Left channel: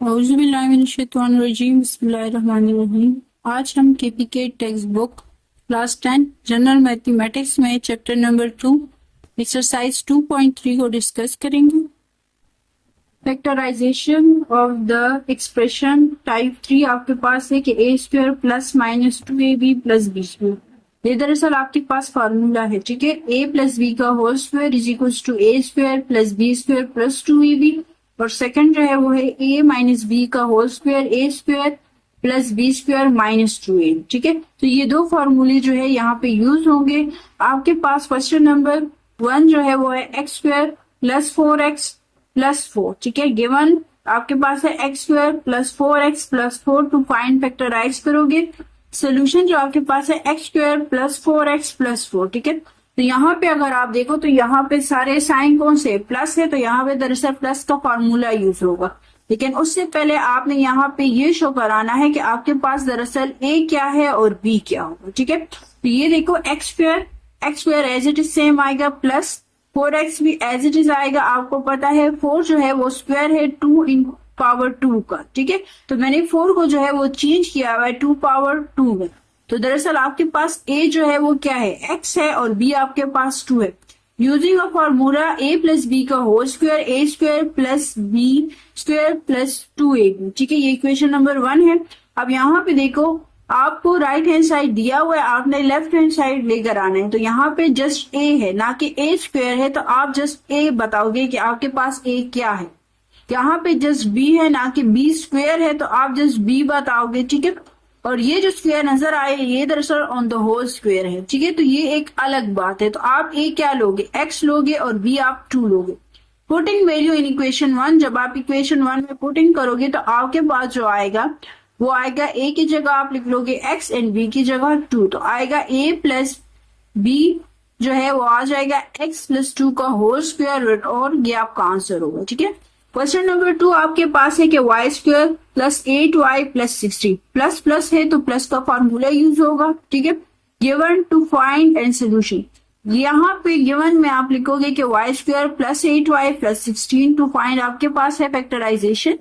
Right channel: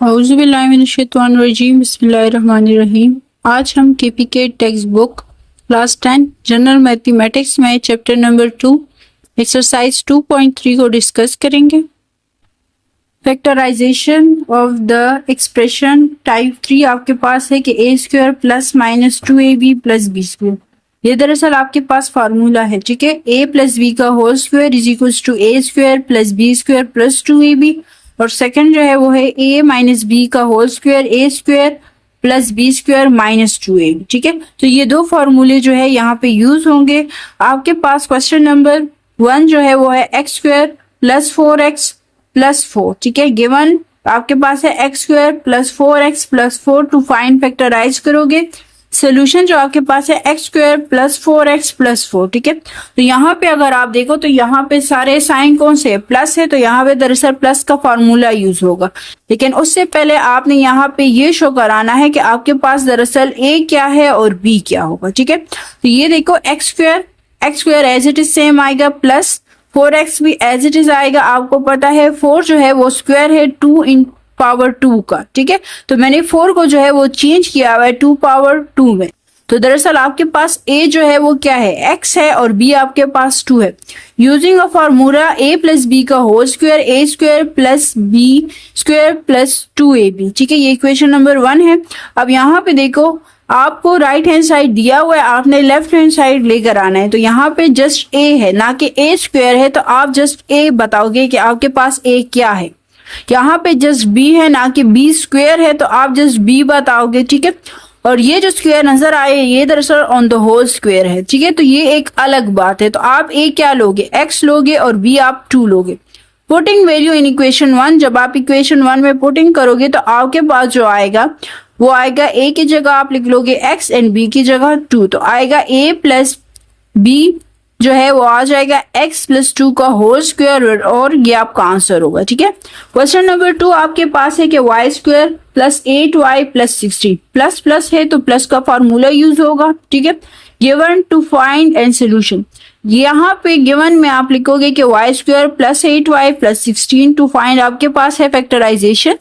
औज़ुबिल्लाहिमिनश्शैतानिर्रजीम बिस्मिल्लाहिर्रहमानिर्रहीम। आज हम KPK text book class 10 general mathematics में चैप्टर नंबर 2 एक्सरसाइज 2.3 को डिस्कस करेंगे। Factorisation of the expression type 3 आपके पास है कि a square plus minus 2ab plus B square. ये दरअसल आपके पास फार्मूला है, ठीक है। a प्लस बी का whole square is equal to a square plus B square plus 2ab, और सेकंड जो है वो है a माइनस बी का whole square a square plus B square minus 2ab, ठीक है। तो ये दो फार्मूले जो है यहाँ पे यूज होंगे। आपके पास क्वेश्चन नंबर 1 जो है वो है एक्स स्क्वायर प्लस 4x प्लस 4, ठीक है। गिवन आपके पास है एक्स स्क्वायर प्लस 4x प्लस 4 टू फाइंड फैक्टराइज करोगे। सोल्यूशन जो आपके पास है एक्स स्क्वायर प्लस 4x प्लस 4, ठीक है। तो यहाँ पे अगर आप देखो तो यहाँ पे सारे साइन कौन से प्लस है, तो यहाँ पे दरअसल प्लस का फॉर्मूला यूज होगा। लेकिन उससे पहले आपने यहाँ पे ये शो कराना है कि आपके पास दरअसल a क्या है और b क्या होगा, ठीक है। तो ये देखो X square as it is same आएगा, प्लस 4x भी एज इट इज आएगा। आपको पता है 4 जो है वो स्क्वायर है 2 इन पावर 2 का, ठीक है। तो मैंने 4 को जो है वो चेंज किया हुआ है 2 पावर 2 में। तो दरअसल आपके पास a जो है वो क्या है, x है, और b आपके पास 2 है। Using a formula a plus B का whole square a square plus B square plus 2ab, ठीक है। ये इक्वेशन नंबर 1 है। अब यहाँ पे देखो आपको राइट हैंड साइड दिया हुआ है, आपने लेफ्ट हैंड साइड लेकर आना है। तो यहाँ पे जस्ट a है ना कि a स्क्वायर है, तो आप जस्ट a बताओगे कि आपके पास a क्या है। यहाँ पे जस्ट b है ना कि b स्क्वायर है, तो आप जस्ट b बताओगे, ठीक है। और ये जो स्क्वायर नजर आए ये दरअसल ऑन द होल स्क्वायर है, ठीक है। तो ये एक अलग बात है। तो आप a क्या लोगे, x लोगे, और b आप 2 लोगे। पुटिंग वैल्यू इन इक्वेशन 1, जब आप इक्वेशन 1 में पुटिंग करोगे तो आपके पास जो आएगा वो आएगा a की जगह आप लिख लोगे x एंड b की जगह 2, तो आएगा a प्लस b जो है वो आ जाएगा x प्लस 2 का होल स्क्वायर, और ये आपका आंसर होगा, ठीक है। क्वेश्चन नंबर 2 आपके पास है कि y square plus 8y plus 16, plus plus है तो प्लस का फॉर्मूला यूज होगा, ठीक है। Given to find and solution, यहाँ पे गिवन में आप लिखोगे कि y square plus 8y plus 16 to find आपके पास है फैक्टराइजेशन।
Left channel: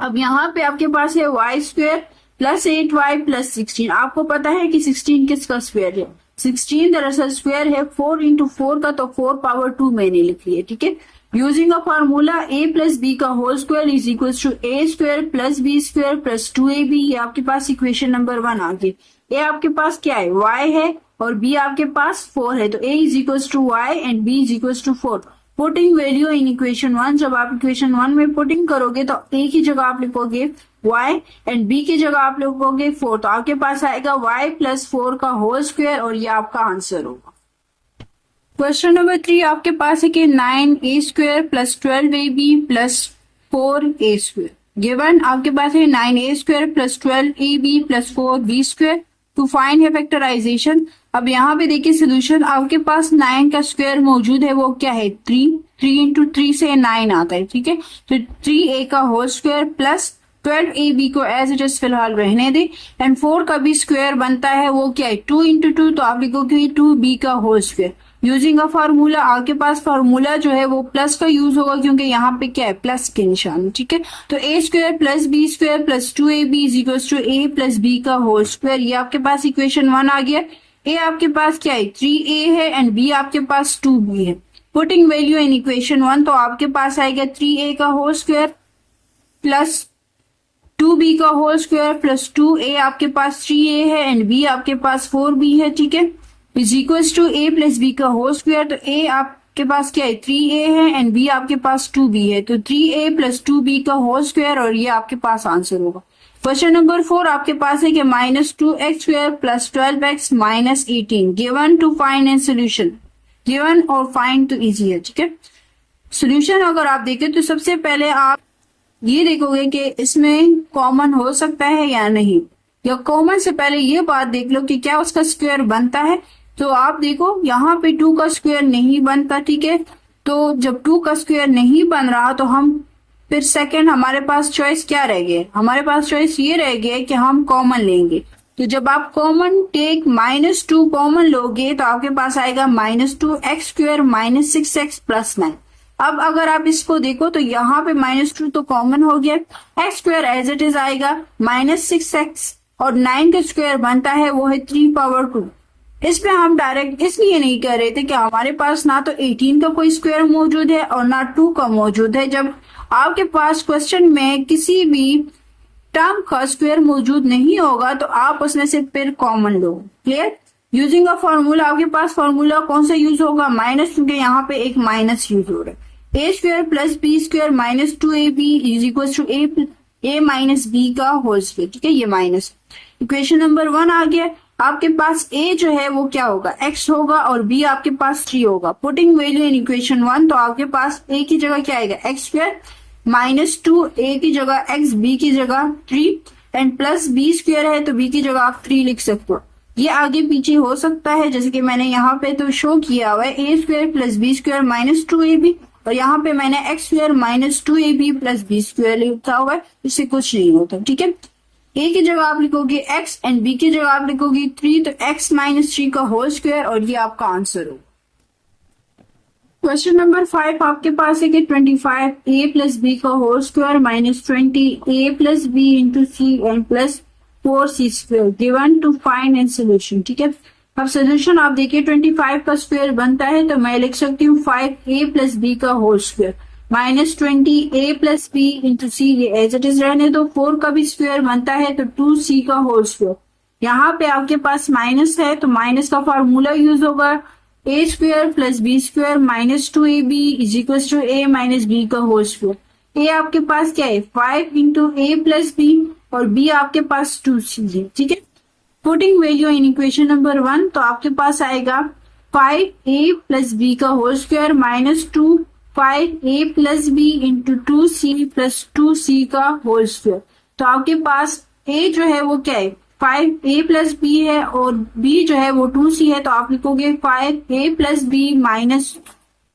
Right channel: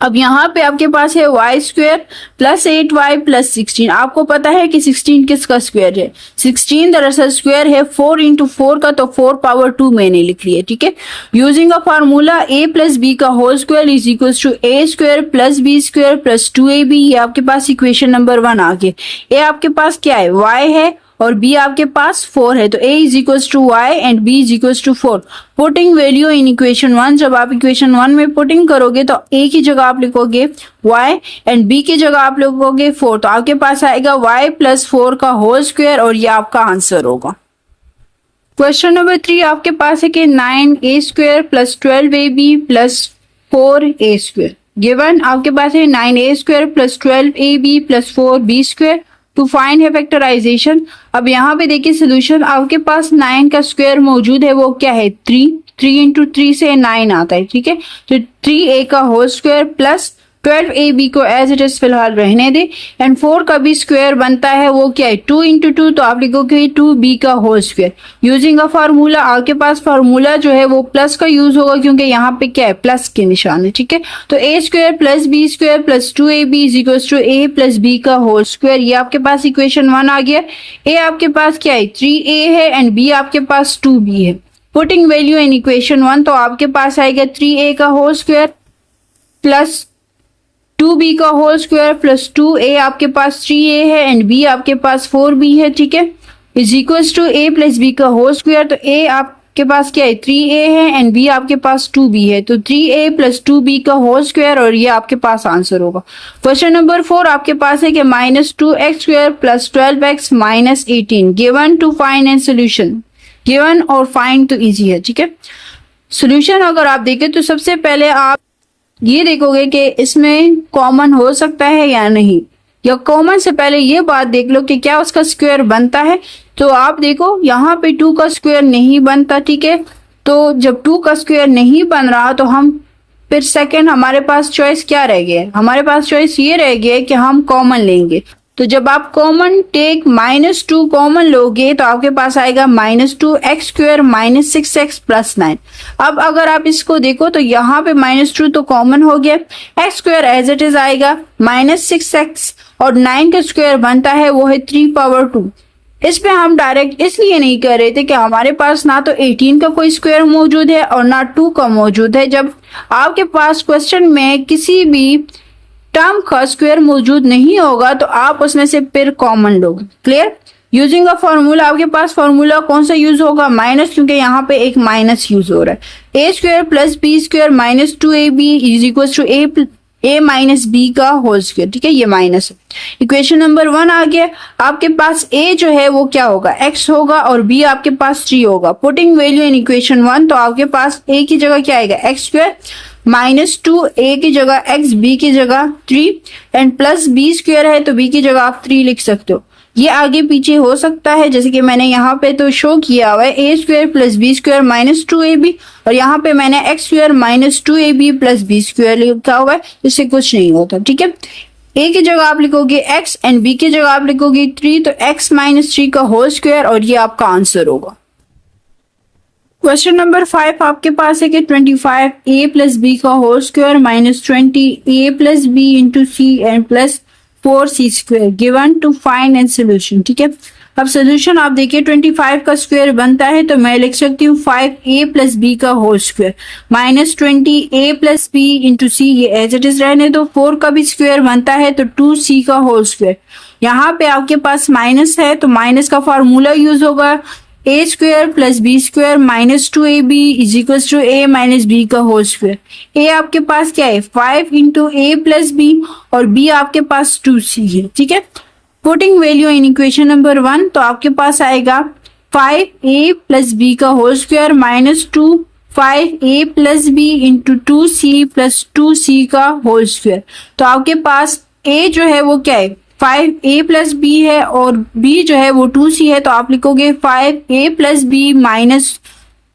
अब यहाँ पे आपके पास है y square plus 8y plus 16। आपको पता है कि 16 किसका स्क्वायर है, 16 दरअसल स्क्वायर है 4 इंटू 4 का, तो 4 पावर 2 मैंने लिख लिया, ठीक है। Using a formula a plus B का whole square is equal to a square plus B square plus 2ab। ये आपके पास इक्वेशन नंबर 1 आ गया। a आपके पास क्या है, y है, और b आपके पास 4 है, तो a is equal to y and b is equal to 4। Putting value in equation 1, जब आप इक्वेशन 1 में पुटिंग करोगे तो a की जगह आप लिखोगे y एंड b की जगह आप लिखोगे 4, तो आपके पास आएगा y प्लस 4 का होल स्क्वायर, और ये आपका आंसर होगा। क्वेश्चन नंबर 3 आपके पास है कि 9a square plus 12ab plus 4a square. Given आपके पास है 9a square plus 12ab plus 4b square to find है फैक्टराइजेशन। अब यहाँ पे देखिए सोल्यूशन, आपके पास 9 का स्क्वायर मौजूद है, वो क्या है 3 इंटू 3 से 9 आता है, ठीक है। तो 3a का होल स्क्वायर प्लस 12ab को एज इट इज फिलहाल रहने दे, एंड 4 का भी स्क्वायर बनता है, वो क्या है 2 इंटू 2, तो आप लिखोगे 2b का whole square. Using a formula, आपके पास फार्मूला जो है वो प्लस का यूज होगा क्योंकि यहाँ पे क्या है प्लस के निशान है, ठीक है। तो a square plus B square plus 2ab is equal to a plus b का होल स्क्वायर। ये आपके पास इक्वेशन 1 आ गया। a आपके पास क्या है 3a है, एंड b आपके पास 2b है। पुटिंग वैल्यू इन इक्वेशन 1, तो आपके पास आएगा 3a का होल स्क्वायर प्लस 2b का होल स्क्वायर प्लस 2a आपके पास 3a है, एंड b आपके पास 4b है, ठीक है। Is equals to a plus b का होल स्क्वायर, तो a आपके पास क्या है 3a है, एंड b आपके पास 2b है, तो 3a प्लस 2b का होल स्क्वायर, और ये आपके पास आंसर होगा। क्वेश्चन नंबर 4 आपके पास है कि minus 2x square plus 12x minus 18 given to find and solution. Given और फाइंड तो इजी है, ठीक है। सोल्यूशन अगर आप देखें तो सबसे पहले आप ये देखोगे कि इसमें कॉमन हो सकता है या नहीं, या कॉमन से पहले ये बात देख लो कि क्या उसका स्क्वायर बनता है। तो आप देखो यहाँ पे 2 का स्क्वायर नहीं बनता, ठीक है। तो जब 2 का स्क्वायर नहीं बन रहा तो हम फिर सेकंड हमारे पास चॉइस क्या रह गया है, हमारे पास चॉइस ये रह गया है कि हम कॉमन लेंगे। तो जब आप कॉमन टेक -2 कॉमन लोगे तो आपके पास आएगा -2x² -6x+9। अब अगर आप इसको देखो तो यहाँ पे -2 तो कॉमन हो गया, x² एज इट इज आएगा, -6x और 9 का स्क्वायर बनता है वो है 3/2। इस पे हम डायरेक्ट इसलिए नहीं कर रहे थे कि हमारे पास ना तो 18 का कोई स्क्वायर मौजूद है और ना 2 का मौजूद है। जब आपके पास क्वेश्चन में किसी भी टर्म का स्क्वायर मौजूद नहीं होगा तो आप उसमें से फिर कॉमन लोगे। क्लियर? यूजिंग अ फॉर्मूला, आपके पास फॉर्मूला कौन सा यूज होगा? माइनस, क्योंकि यहाँ पे एक माइनस यूज हो रहा है। a² + b² -2ab = a minus B का होल स्क्वायर। ठीक है, ये माइनस है। इक्वेशन नंबर 1 आ गया। आपके पास a जो है वो क्या होगा? x होगा और b आपके पास 3 होगा। पुटिंग वैल्यू इन इक्वेशन 1, तो आपके पास a की जगह क्या आएगा? x² -2, a की जगह x, b की जगह 3 एंड प्लस b² है तो b की जगह आप 3 लिख सकते हो। ये आगे पीछे हो सकता है, जैसे कि मैंने यहाँ पे तो शो किया हुआ है a² + b² -2ab, और यहाँ पे मैंने x² -2ab + b² लिखा हुआ है, इससे कुछ नहीं होता। ठीक है, a की जगह आप लिखोगे x एंड b की जगह आप लिखोगे 3, तो x - 3 का होल स्क्वायर, और ये आपका आंसर होगा। क्वेश्चन नंबर 5 आपके पास है कि 25a + b का whole square -20a + b × c and +4c² given to find and solution. ठीक है, अब सोल्यूशन आप देखिए, 25 का स्क्वायर बनता है तो मैं लिख सकती हूँ 5a + b का whole square -20a + b × c, ये एज इट इज रहने दो। 4 का भी स्क्वायर बनता है तो 2c का होल स्क्वायर। यहाँ पे आपके पास माइनस है तो माइनस का फार्मूला यूज होगा, a² + b² -2ab = a - b का होल स्क्वायर। a आपके पास क्या है? 5 × a + b और b आपके पास 2c है। ठीक है, putting value in equation number 1, तो आपके पास आएगा 5a + b का whole square -2 5a + b × 2c + 2c का होल स्क्वायर। तो आपके पास a जो है वो क्या है? 5a + b है और b जो है वो 2c है, तो आप लिखोगे 5a + b -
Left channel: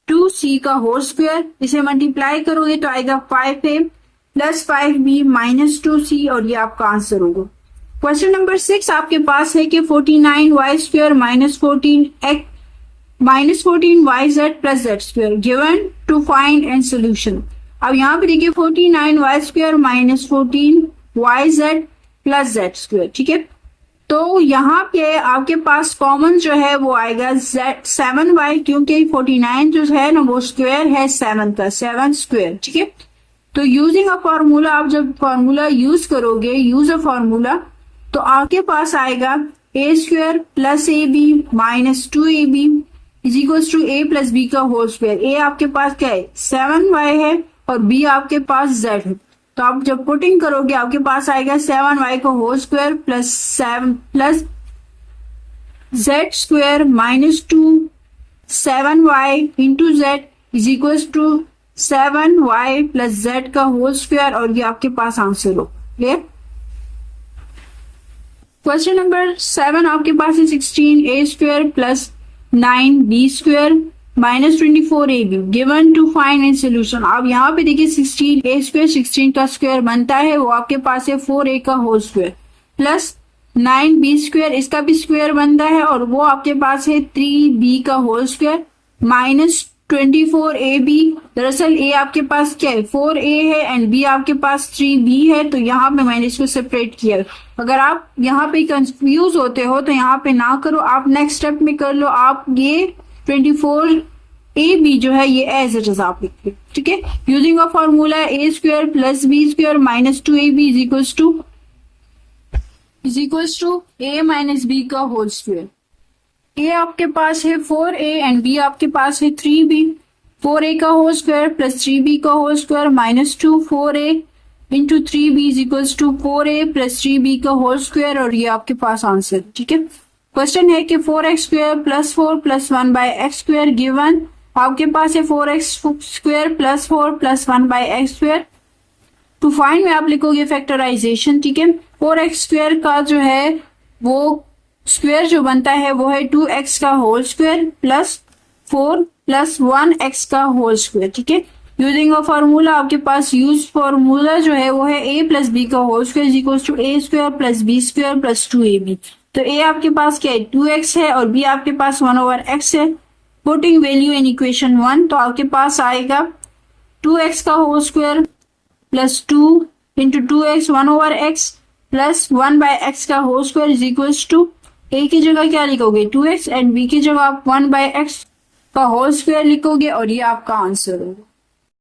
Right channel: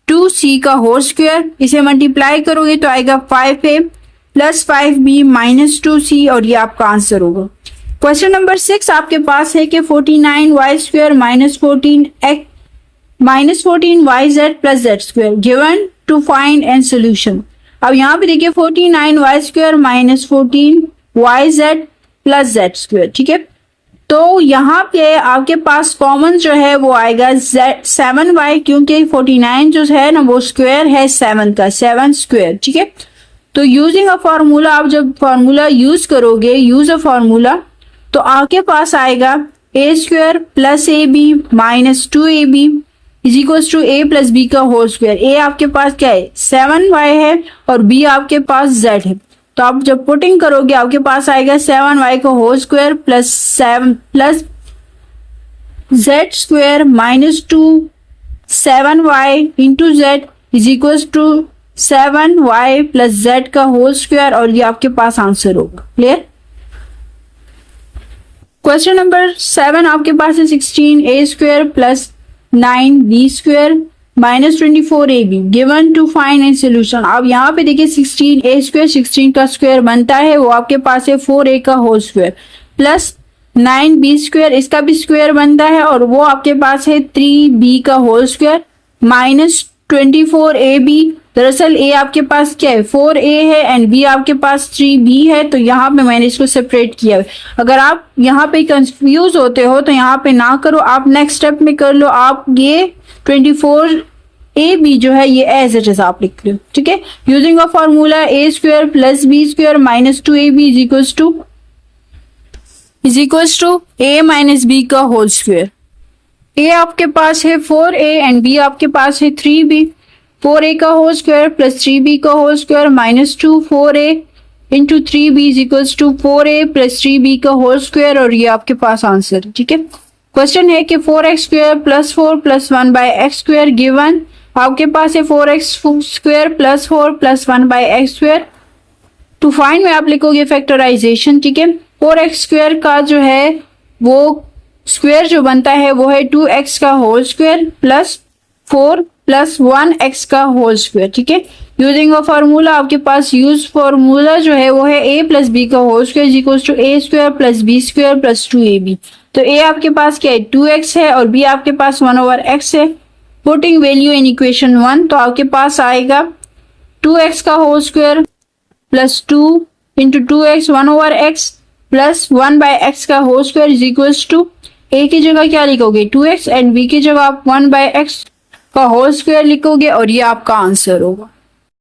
2c का होल स्क्वायर। इसे मल्टीप्लाई करोगे तो आएगा 5a + 5b - 2c, और ये आपका आंसर होगा। क्वेश्चन नंबर 6 आपके पास है कि 49y² -14yz + z² given to find and solution. अब यहाँ पे देखिए 49y² -14yz + z²। ठीक है, तो यहाँ पे आपके पास कॉमन जो है वो आएगा 7y, क्योंकि 49 जो है ना वो स्क्वायर है 7 का, 7²। ठीक है, तो यूजिंग अ फॉर्मूला, आप जब फॉर्मूला यूज करोगे, यूज अ फॉर्मूला, तो आपके पास आएगा a² + ab -2ab = a + b का होल स्क्वायर। a आपके पास क्या है? 7y है और b आपके पास z है, तो आप जब पुटिंग करोगे आपके पास आएगा 7y का whole square plus 7 plus z² -2 7y × z = 7y + z का होल स्क्वायर, और ये आपके पास आंसर होगा। क्लियर? क्वेश्चन नंबर 7 आपके पास है 16a² + 9b² -24ab given to find and solution. अब यहाँ पे देखिए 16a² 16 का स्क्वायर बनता है वो आपके पास है 4a का होल स्क्वायर प्लस 9b², इसका भी स्क्वायर बनता है और वो आपके पास है 3b का होल स्क्वायर -24ab। दरअसल a आपके पास क्या है? 4a है एंड b आपके पास 3b है, तो यहाँ पे मैंने इसको सेपरेट किया है। अगर आप यहाँ पे कंफ्यूज होते हो तो यहाँ पे ना करो, आप नेक्स्ट स्टेप में कर लो। आप ये 24ab जो है ये एज इट इज आप लिख लो। ठीक है, using a formula a² + b² -2ab = a - b का होल स्क्वायर। a आपके पास है 4a एंड b आपके पास है 3b। 4a का होल स्क्वायर प्लस 3b का whole square -2 4a × 3b = 4a + 3b का होल स्क्वायर, और ये आपके पास आंसर। ठीक है, क्वेश्चन है कि 4x² + 4 + 1/x² गिवन। आपके पास है 4x² + 4 + 1/x²। टू फाइंड में आप लिखोगे फैक्टराइजेशन। ठीक है, 4x² का जो है वो स्क्वायर जो बनता है वो है 2x का होल स्क्वायर प्लस 4 + 1x का होल स्क्वायर। ठीक है, यूजिंग अ फार्मूला आपके पास यूज फार्मूला जो है वो है a प्लस बी का whole square equals to a square plus B square plus 2ab। तो a आपके पास क्या है 2x है और b आपके पास 1/x है। पुटिंग वैल्यू इन इक्वेशन 1 तो आपके पास आएगा 2x का whole square plus 2 into 2x 1/x plus 1/x का whole square is equals to a की जगह क्या लिखोगे 2x एंड b की जगह आप 1/x का होल स्क्वायर लिखोगे और ये आपका आंसर होगा।